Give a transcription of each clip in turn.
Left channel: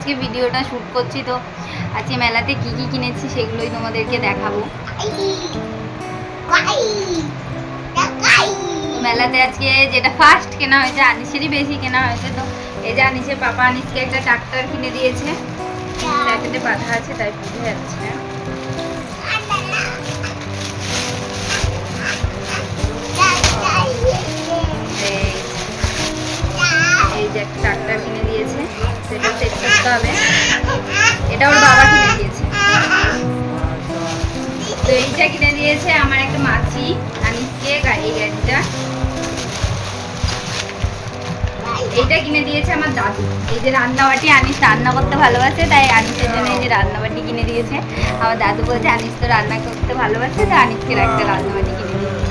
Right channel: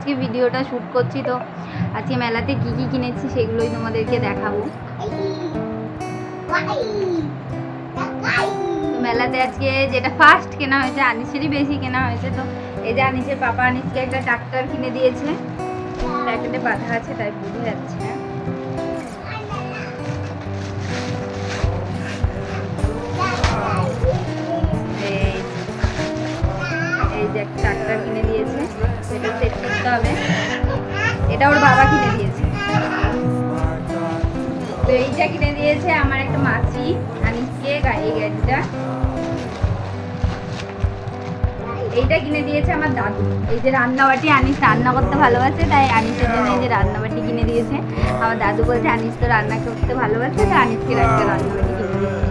আজকে ভিডিওটা শ্যুট করছি, তো আজকে মেলাতে কি কি কিনেছি সেগুলোই তোমাদেরকে দেখাবো। মেলাতে আজকে যেটা ফার্স্ট কেনা হয়েছে, আনিসেরই বেশি কেনা হয়েছে। তো এই যে আনিসের পাপা আনিসকে একটা ট্রাক্টর কিনে দিয়েছে, ট্রাক্টরে বাঁধা আছে তাই বুঝে যাচ্ছে না। এই যে একটা ট্রাক্টর কিনে দিয়েছে, সেটা চেক করতে হবে। এটা ওর বাবা কিনে দিয়েছে। তো এইটা কিনে দিয়েছে আমার একটা মাসি আনিসকে, এই গাড়িটা। এইটা কিনে দিয়েছে আমার দাদু। এই যে রান্নাবাটি, আনিস রান্না করতে ভালোবাসে তাই আনিসের জন্য এই যে রান্নাবাটি কিনে দিয়েছে। আমার দাদু বলছে আনিস তো রান্না করতে ভালোবাসে, তো আনিসকে একটা রান্নাবাটি কিনে দিয়েছে।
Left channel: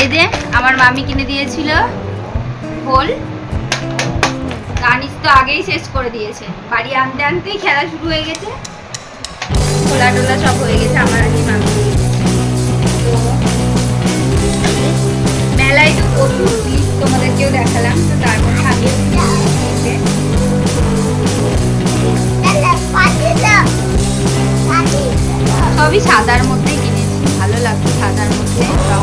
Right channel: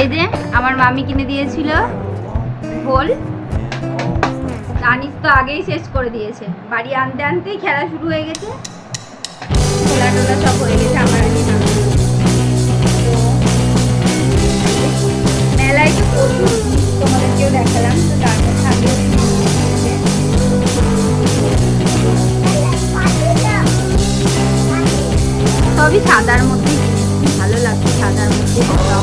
এই যে আমার মামি কিনে দিয়েছিল ঢোল, আনিস তো আগেই শেষ করে দিয়েছে। বাড়ি আনতে আনতেই খেলা শুরু হয়ে গেছে, খোলা টোলা সব হয়ে গেছে। আমার মেলায় প্রচুর ভিড়, তোমাদেরকেও দেখালাম। তো তার সবই সাদার মধ্যে কিনেছি, ভালো লাগছে সাদার মধ্যে। ভালো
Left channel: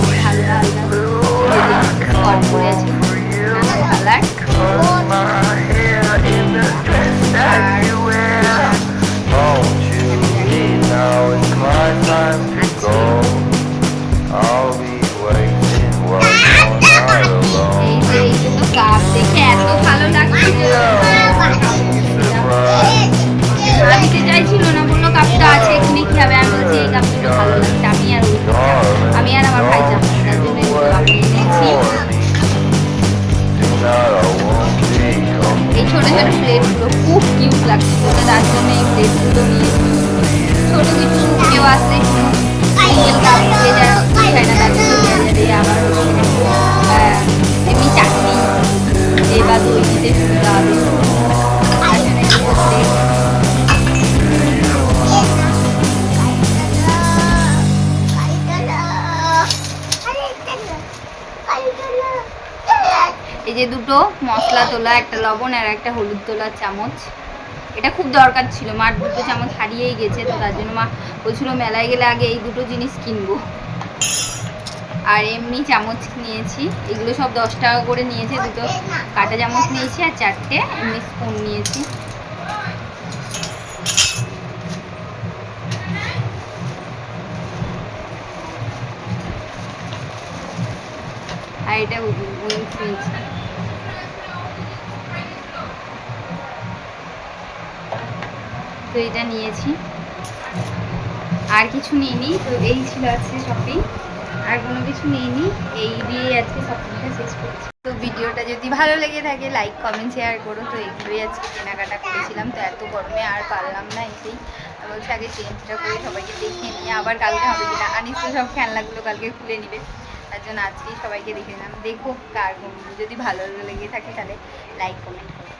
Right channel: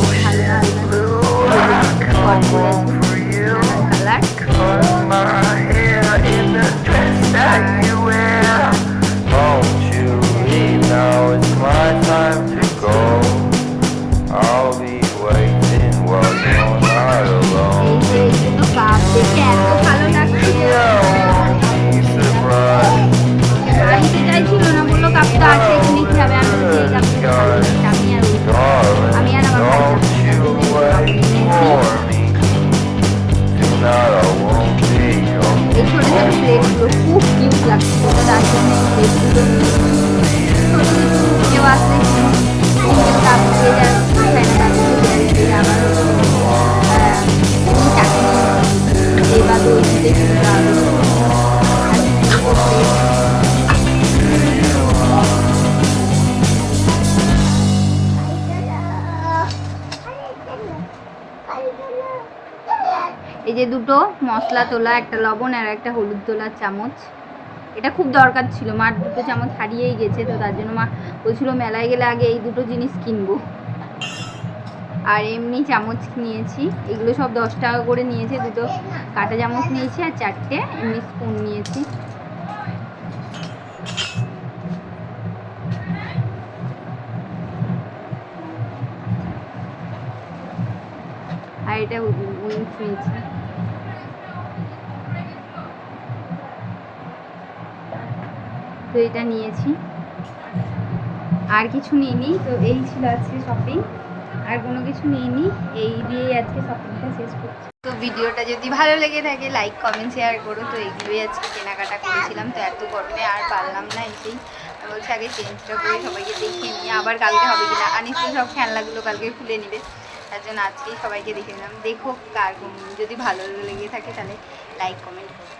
খুব কিউট লাগছে, তার জন্য প্লেটগুলো কেউ আসলে এই যে দুটো মশলা তোলা, একটা লবণ আর একটা হলুদ তোলার চামচ। এটা খুব দরকার ছিল, মার দুটো চামচ হারিয়েই গেছে, তো তার জন্য মা বলছিল মেলায় গেলে আগে এই দুটো জিনিস কিনবো। আর এমনি চামচ নিয়েছি, এগুলো সব 10 টাকা করে নিয়েছে। দুটো কাঁটা চামচ নিয়েছি আর 4টে এমনি স্পুন নিয়েছি। আর এটা উইংস নিয়েছি। তো এটা নিয়েছি, আর কিছু নিইনি। তো এই ছিল আজকে শপিং, আর কোনো কিছু নিইনি। এই দিয়ে আজকে শপিংটা শেষ করছি। তো ভিডিওটা যদি ভালো লেগে থাকে লাইক কমেন্ট শেয়ার করো। তো এইগুলোই আজকে কেনাকাটা করেছিলাম। তো এত গরমে আর পারলাম না, এসেই বলছে আগে চেঞ্জটা করে সবাইকে দেখে নিয়ে আবার কালকে হবে কিনা। আনিস তো সব খেলনাগুলো কালকে খুলে নেবে, তার জন্য আজকেই সবাইকে দেখে নিলাম। দেখো কার যদি ভালো লেগে থাকে তাহলে লাইক কমেন্ট করো।